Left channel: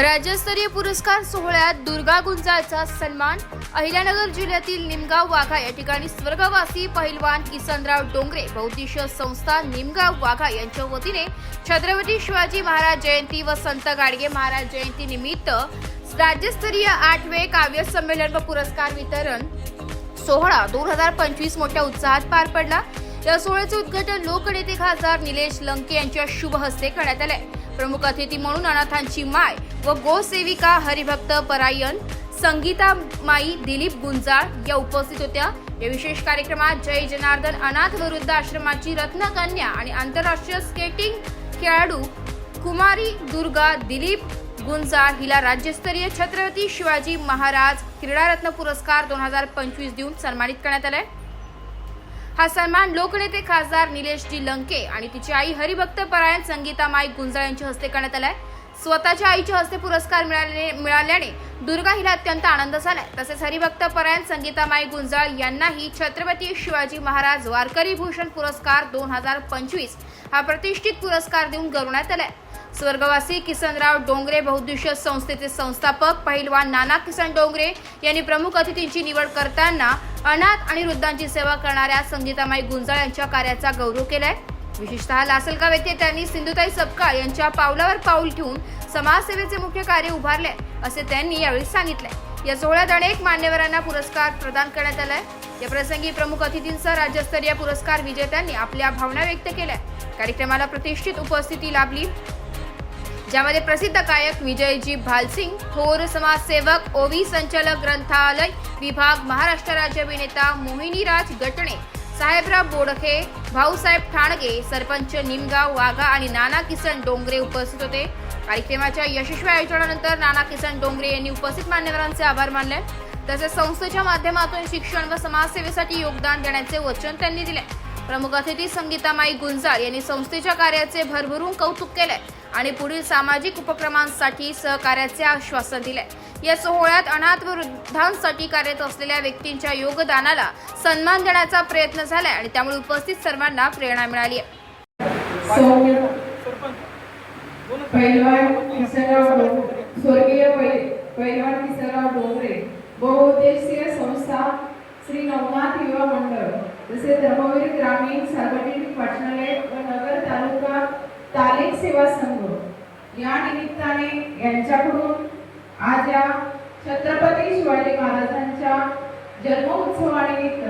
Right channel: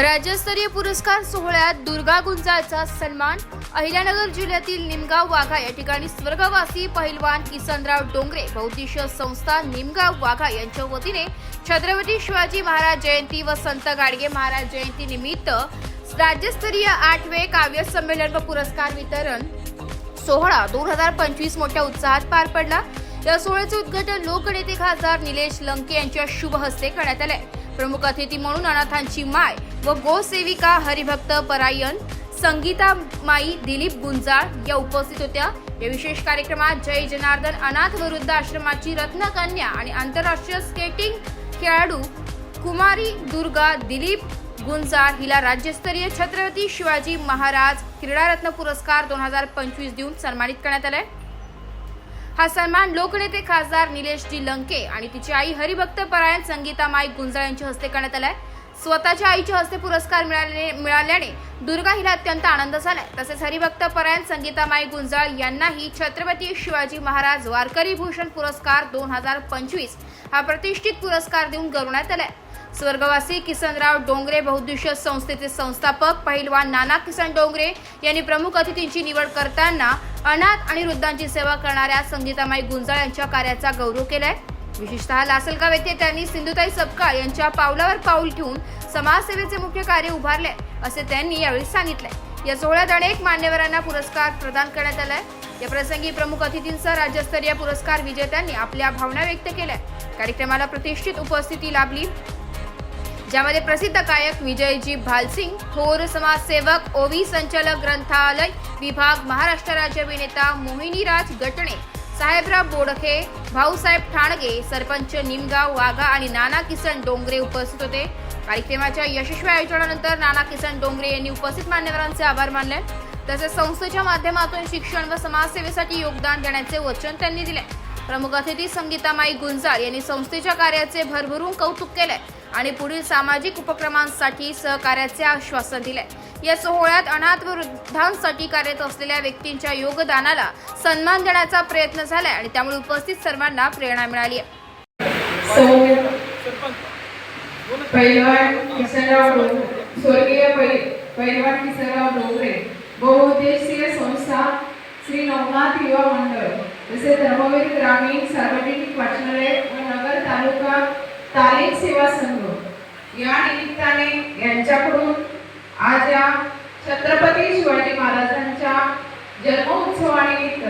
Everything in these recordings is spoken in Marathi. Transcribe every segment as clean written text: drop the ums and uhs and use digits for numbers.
राज्यस्तरीय पुरस्कार सोहळ्यात दुर्गा गुंजाळचा सन्मान। अहिल्यानगर जिल्ह्यातील निमगाव वाघा या ठिकाणी स्वर्गवासी पहिलवान किसनराव डोंगरे बहुउद्देशीय संस्था निमगाव वाघा यांच्या वतीने छत्रपती शिवाजी महाराज जयंती व संत गाडगे महाराज जयंती निमित्त राज्यस्तरीय 8वे काव्य संमेलन व पुरस्कार वितरण सोहळा 2025 मोठ्या उत्साहात पार पडला। या सोहळ्याचे उद्घाटन लोकनेते खासदार निलेश लंके यांच्या शुभ हस्ते करण्यात आले। प्रमुख अतिथी म्हणून अनाथांची माय व गोसेविका हरिभक्त परायण संगीता माई दिलीप गुंजाळ या उपस्थित होत्या। या विशेष कार्यक्रमात जय जनार्दन अनाथ व वृद्ध आश्रमाची रत्नकन्या आणि आंतरराष्ट्रीय स्केटिंग खेळाडू कुमारी दुर्गा दिलीप गुंजाळ हिला राज्यस्तरीय छत्रपती शिवाजी महाराज क्रीडारत्न पुरस्कार 2025 देऊन सन्मानित करण्यात आले। हा सन्मान लोकनेते खासदार निलेश जी लंके आणि तिची आई हरिभक्त परायण संगीता माई गुंजाळ यांच्या हस्ते करण्यात आलाय। स्वतःच्या आईच्या हस्ते पुरस्कार मिळाल्याने दुर्गा हिला अत्यंत आनंद झालाय। तसेच हरिभक्त परायण संगीता माई गुंजाळ यांनाही छत्रपती शिवाजी महाराज वारकरी भूषण पुरस्कार 2025 हा प्रतिष्ठित पुरस्कार देऊन गौरवण्यात आलाय। स्वर्गवासी किसनराव डोंगरे बहुउद्देशीय संस्थेचे संस्थापक पहिलवान नाना किसन डोंगरे यांनी प्रमुख अतिथींची निवड करताना अनाथ आणि वृद्धांची सेवा करणाऱ्या संगीतामाई गुंजाळ यांच्या कार्याचा गौरव केलाय। विशेषतः लासलगाव येथे त्यांनी सिंधुताई सपकाळ यांच्या पावलावर पाऊल ठेवून समाजसेवेचे मुख्य कार्य उभारले असे त्यांनी यावेळी सांगितले। या सोहळ्यात अनेक मान्यवरांना पुरस्कार प्रदान करण्यात आलाय। या प्रसंगी प्रमुख अतिथींसह राज्यस्तरीय पुरस्कार विजेत्यांनी आपल्या भावना व्यक्त केल्या। कार्यक्रमाला प्रतिष्ठित उपस्थिती लाभली, ज्यामध्ये प्रसिद्ध गायक विजयजी भालसिंग, थोर समाजसेवक, ओवी संचालक ग्रंथालय विभाग, महाराष्ट्र राज्य अभिनेता मोहिनीराज गटणे, साहेबराव बोडखे, भाऊसाहेब ठाणगे, सरपंच निमगाव वाघा आणि नाना किसन डोंगरे उपस्थित होते। कार्यक्रमाच्या यशस्वी आयोजनानंतर नाना किसन डोंगरे यांनी उपस्थित मान्यवरांचे आभार मानले। तसेच संस्थेच्या माध्यमातून शिक्षण व समाजसेवेसाठी योगदान देण्याचे वचन त्यांनी दिले। प्रमुख अतिथी संगीतामाई गुंजाळ यांनी संस्थेच्या कार्याचे भरभरून कौतुक केले आणि पुढील सामाजिक उपक्रमांसाठी सहकार्याचे आश्वासन दिले। या सोहळ्यात अनाथ व वृद्धांसाठी कार्यरत असलेल्या व्यक्तींच्या योगदानाला सन्मान देण्याचा प्रयत्न झाला आणि त्यामुळे उपस्थित सर्वांना प्रेरणा मिळाली। स्वर्गीय पहिलवान किसनराव डोंगरे बहुउद्देशीय संस्था श्री नवनाथ युवा मंडळ, जसे धर्मवीर ग्रामीण सार्वजनिक वाचनालय व नगर तालुका तालीम सेवा संघ या निमित्ताने यांच्याकडून आज या छत्रपती शिवाजी महाराजांच्या जन्मोत्सवानिमित्त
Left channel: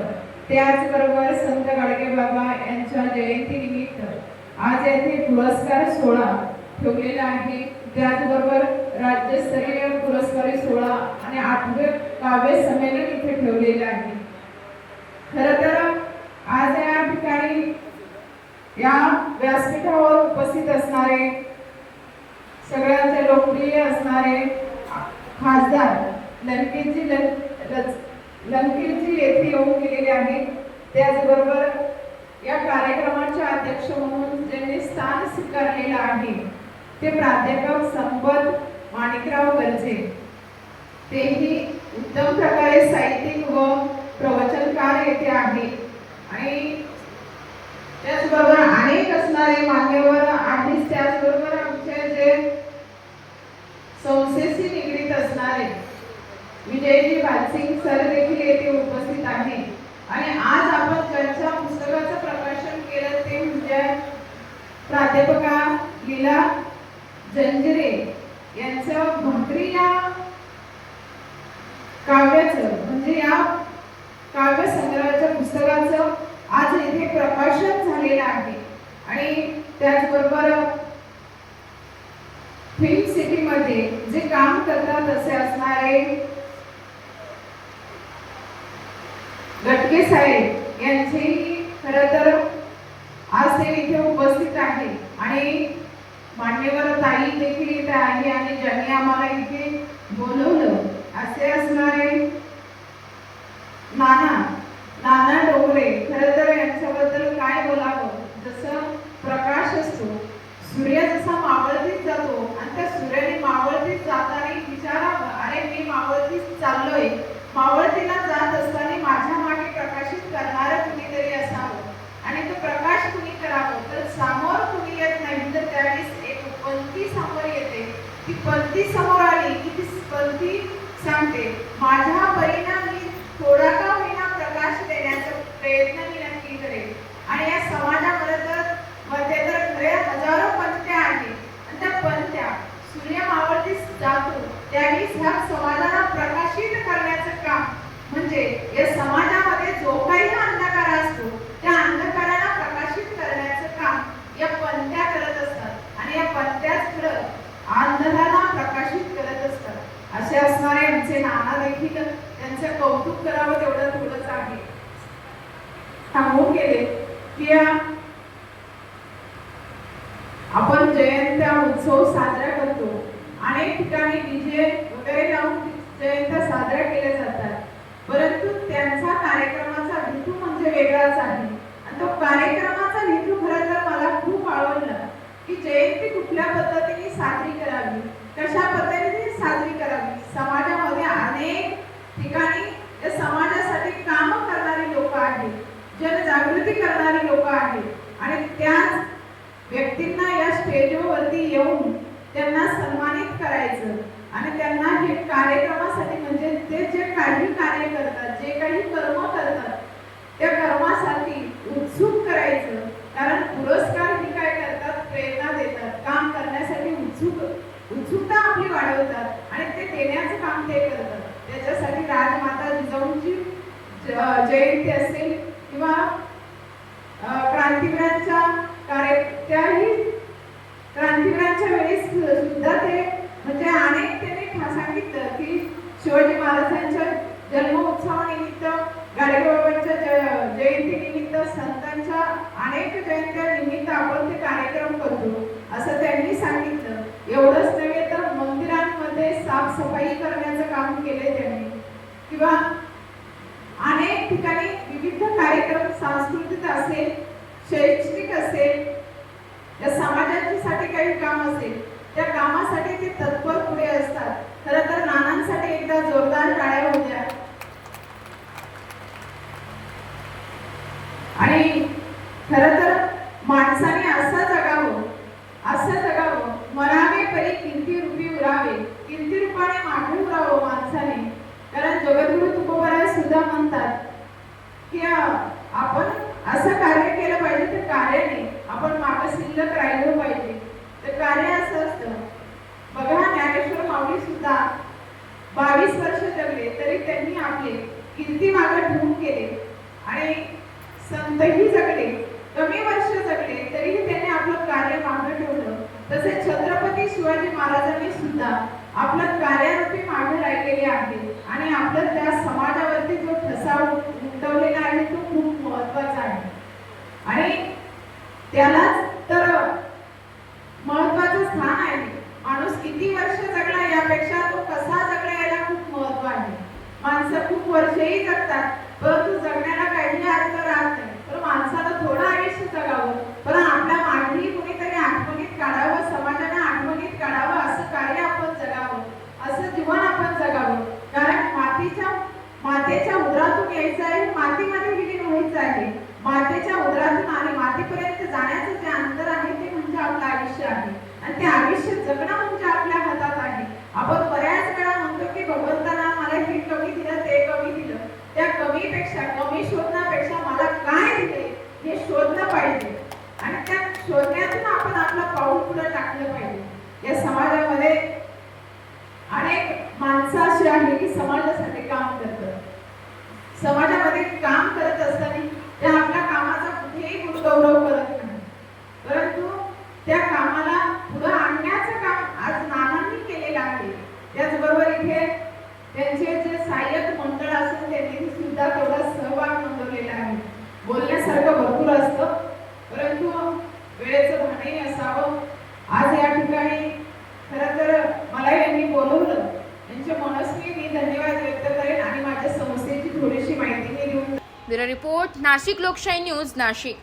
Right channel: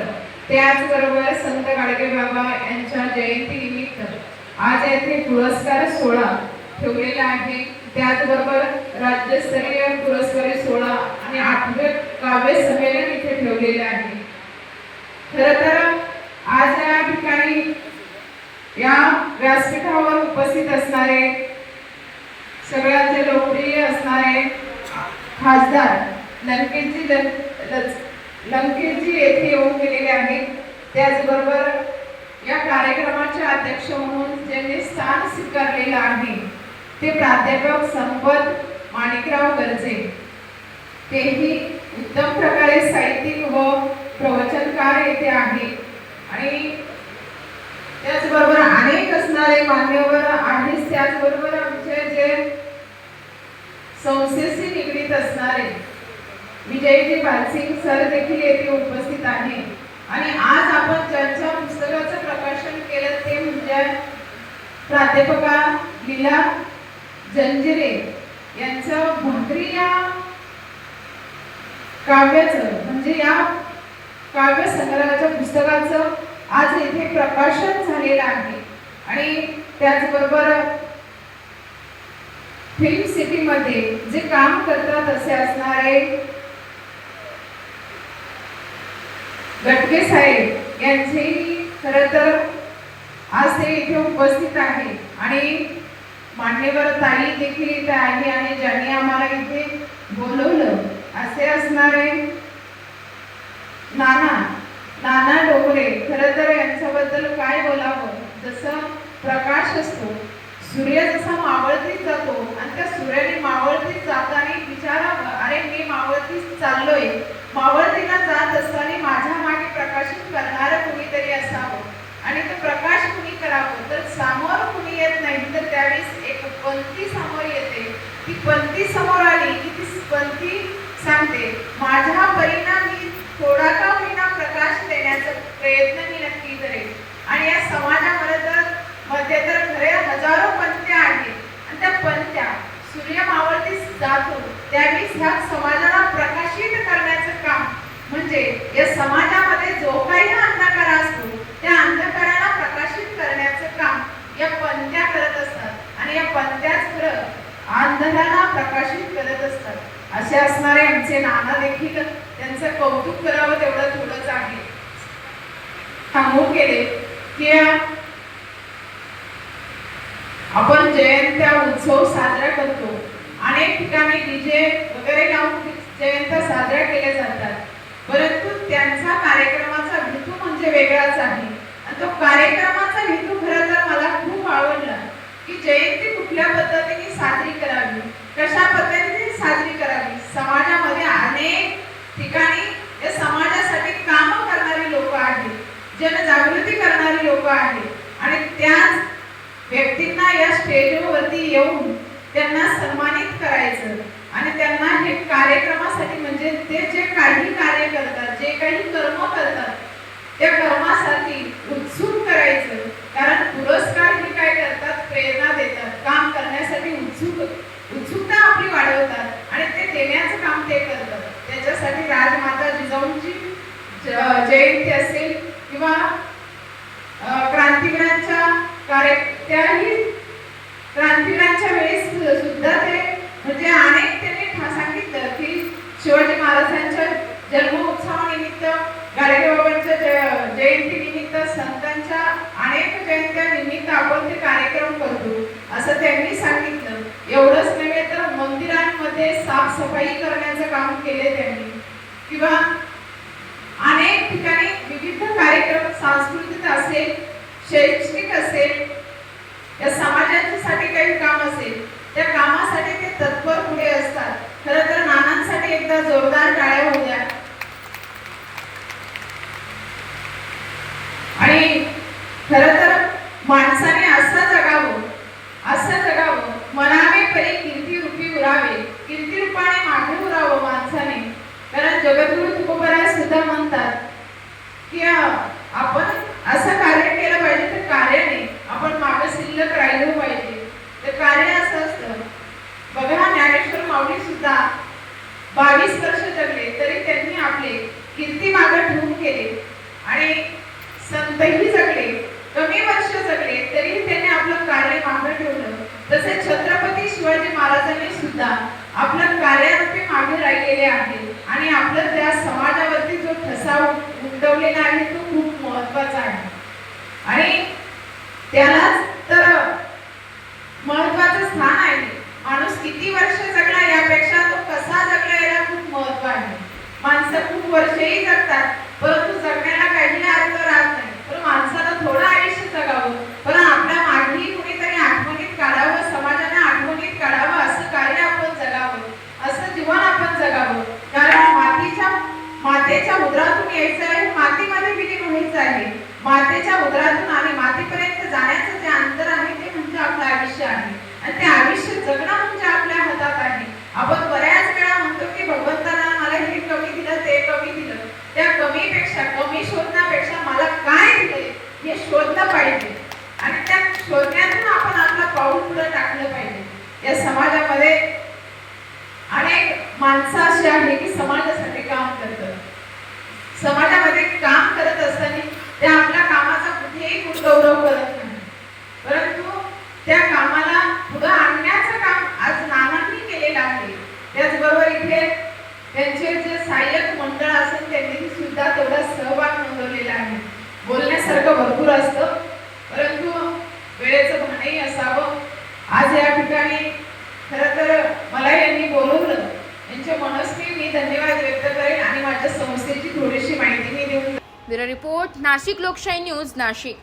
त्याचबरोबर संत गाडगे बाबा यांच्या जयंती निमित्त आज येथे पुरस्कार सोहळा ठेवलेला आहे। त्याचबरोबर राज्यस्तरीय पुरस्कार सोहळा आणि 8वे काव्य संमेलन इथे ठेवलेले आहे। खरं तर आज या ठिकाणी या व्यासपीठावर उपस्थित असणारे सगळ्यांचे लोकप्रिय असणारे खासदार लंकेजी येथे येऊन गेलेले आहेत। त्याचबरोबर या कार्यक्रमाचे अध्यक्ष म्हणून ज्यांनी स्थान स्वीकारलेलं आहे ते प्राध्यापक संपत माणिकराव गरजे, तेही उत्तम प्रकारे साहित्यिक व प्रवचनकार येथे आहे आणि त्याचबरोबर अनेक असणारे मान्यवर आहेत। त्याचबरोबर आमचे जे संस्थेशी निगडीत असणारे विजयजी भालसिंग सर देखील येथे उपस्थित आहे आणि आज आपण ज्यांच्या पुस्तकाचं प्रकाशन केलं ते म्हणजे प्राध्यापका लीला जंजिरे यांचं भाकरी या काव्याचं म्हणजे या काव्य संग्रहाच्या पुस्तकाचं आज येथे प्रकाशन झालेलं आहे आणि त्याचबरोबर फिल्म सिटी मध्ये जे काम करतात असे असणारे गटके साहेब यांचेही खरं तर आज ते इथे उपस्थित आहे आणि मान्यवर ताई देखील इथे आहे आणि ज्यांनी आम्हाला इथे बोलवलं असे असणारे नाना डोंगरे, खरं तर यांच्याबद्दल काय बोलावं। जसं प्रकाश असतो, सूर्य जसा मावळतीच जातो आणि त्या सूर्याने मावळतीच जाताना विचारावं, अरे मी मावळतीच चाललोय, मावळतीला जात असताना माझ्या मागे प्रकाशित करणारं कुणीतरी असावं आणि तो प्रकाश कुणी करावं। तर समोर कुणी येत नाही तर त्यावेळेस एक पंथी समोर येते, ती पंथी पंथी समोर आली की ती पंथी सांगते, माझ्या परीने मी थोडा का होईना प्रकाश देण्याचा प्रयत्न मी नक्की करेन. आणि या मध्ये तर खरे हजारो पंथ्या आहेत आणि त्या पंथ्या सूर्य मावळतीस जातो त्यावेळी ह्या समाजाला प्रकाशित करण्याचं काम म्हणजे या समाजामध्ये जो काही अंधकार असतो त्या अंधकाराला प्रकाशित करण्याचं काम या पंथ्या करत असतात आणि या पंथ्याच खरं अंधाराला प्रकाशित करत असतात. असे असणारे आमचे नाना देखील त्यांचं कौतुक करावं तेवढं थोडंच आहे. सांगून गेले की आपण जयंत्या उत्सव साजरा करतो. अनेक ठिकाणी डीजे वगैरे लावून जयंत्या साजऱ्या केल्या जातात, परंतु त्यांचा कार्यक्रमाचा हेतू म्हणजे वेगळाच आहे. आणि तो कार्यक्रमाचा हेतू खरं तर मला खूप आवडला की जयंती कुठल्या पद्धतीने साजरी करावी, कशा पद्धतीने साजरी करावी. समाजामध्ये अनेक ठिकाणी या समाजासाठी काम करणारी लोक आहेत, जनजागृती करणारी लोक आहेत आणि त्याच व्यक्तींना या स्टेजवरती येऊन त्यांना सन्मानित करायचं आणि त्यांना हे कार्यक्रमासाठी म्हणजे ते जे काही कार्य करतात, जे काही कर्म करतात त्या कर्मासाठी उत्सुक करायचं. कारण पुरस्कार हे काय करतात, प्रेरणा देतात, काम करण्यासाठी उत्सुकता आपली वाढवतात आणि ते देण्याचं काम ते करतात. त्याच्यासाठी राजमाता जिजाऊंची जयंती असेल किंवा क्रांतिवीरांच्या त्याही क्रांतिवीरांच्या वेळेस सुद्धा ते म्हणजे अनेक त्यांनी सांगितलं की शिवाजी महाराजांच्या जन्मोत्सवानिमित्त, गाडगेबाबांच्या जयंतीनिमित्त, संतांच्या अनेक जयंत्या निमित्त आपण ते कार्यक्रम करतो असं त्यांनी सांगितलं. एवढंच नव्हे तर मंदिरांमध्ये साफसफाई करण्याचं काम केले त्यांनी किंवा अनेक ठिकाणी विविध कार्यक्रम सांस्कृतिक असेल, शैक्षणिक असेल, या समाजासाठी काही काम असेल त्या कामासाठी ते तत्पर पुढे असतात. खरं तर नानांसाठी एकदा जोरदार टाळ्या होऊ द्या. आणि खरं तर माणसाने असं जगावं म्हणावे परी कीर्ती रूपी उरावे, कीर्ती रूपाने मागे उरावं माणसाने. कारण जगद्गुरु तुकोबराय सुद्धा म्हणतात की आपण असं कार्य केलं पाहिजे तर कार्याने आपण मागे शिल्लक राहिलो पाहिजे. तर कार्य असं असतं बघा, ज्ञानेश्वर माऊली सुद्धा 22 वर्ष जगले तरी त्यांनी आपले कीर्ती मागे ठेवून केले आणि संतही जगले, कमी वर्ष जगले तरी त्यांनी आपलं कार्य मागे ठेवलं. तसे छत्रपती शिवाजी महाराजांनी सुद्धा आपलं कार्यारूपी मागे राहिलेले आहे आणि आपलं त्या समाजावरती जो ठसा उमटवलेला आहे तो खूप महत्वाचा आहे. आणि त्यालाच तर महत्वाचं स्थान आहे. माणूस किती वर्ष जगला यापेक्षा तो कसा जगला याला खूप महत्व आहे. माणसं खूप वर्षही जगतात परंतु जगण्याला काही अर्थ राहत नाही. पण माणसाला थोडं आयुष्य जगावं, पण आपल्या मागेही कुणीतरी आठवणीत काढावं, समाजाने आठवणीत काढावं, असं कार्य आपण जगावं, असं जीवन आपण जगावं. कारण मातेच्या उदरातून यायचं आहे, मातीमध्ये विलीन व्हायचं आहे. मातेच्या उदरातून आणि मातीपर्यंत जाण्याचं जे अंतर आहे ते म्हणजे आपलं आयुष्य आहे आणि ते आयुष्य जगणं म्हणजे आपल्या हातात आहे. आपण बऱ्याच वेळा म्हणतो की भगवंताला मला हे कमी दिलं, ते कमी दिलं. त्या कमी शोधण्यापेक्षा मला काय दिले हे शोधलं पाहिजे आणि त्या शोधण्यातून आपण आपलं पाऊल पुढे टाकलं पाहिजे. या समाजामध्ये अनेक माणसं अशी आहे की समाजासाठी काम करतात. समाजामध्ये काम करत असताना ते आपल्या कामाचा कुठेही गौरव करत नाही, परंतु त्या कामाला पुढे आणण्याचं काम आज नानांनी केलेलं आहे. त्याचबरोबर इथे त्यांचे जे सहाय्यक मंडळ असेल त्यांनी सुद्धा तेवढा सहभाग नोंदवलेला आहे. बोलण्यासारखं भरपूर असतं परंतु वेळेचं भानही असावं. आज या ठिकाणी खरं तर मला यांनी बोलवलं, यांच्या मनस्वी मी धन्यवाद व्यक्त करेन आणि माझ्या संस्थेची थोडीशी माहिती मी देऊन. ब्युरो रिपोर्ट, नाशिक लोकशाही न्यूज, नाशिक.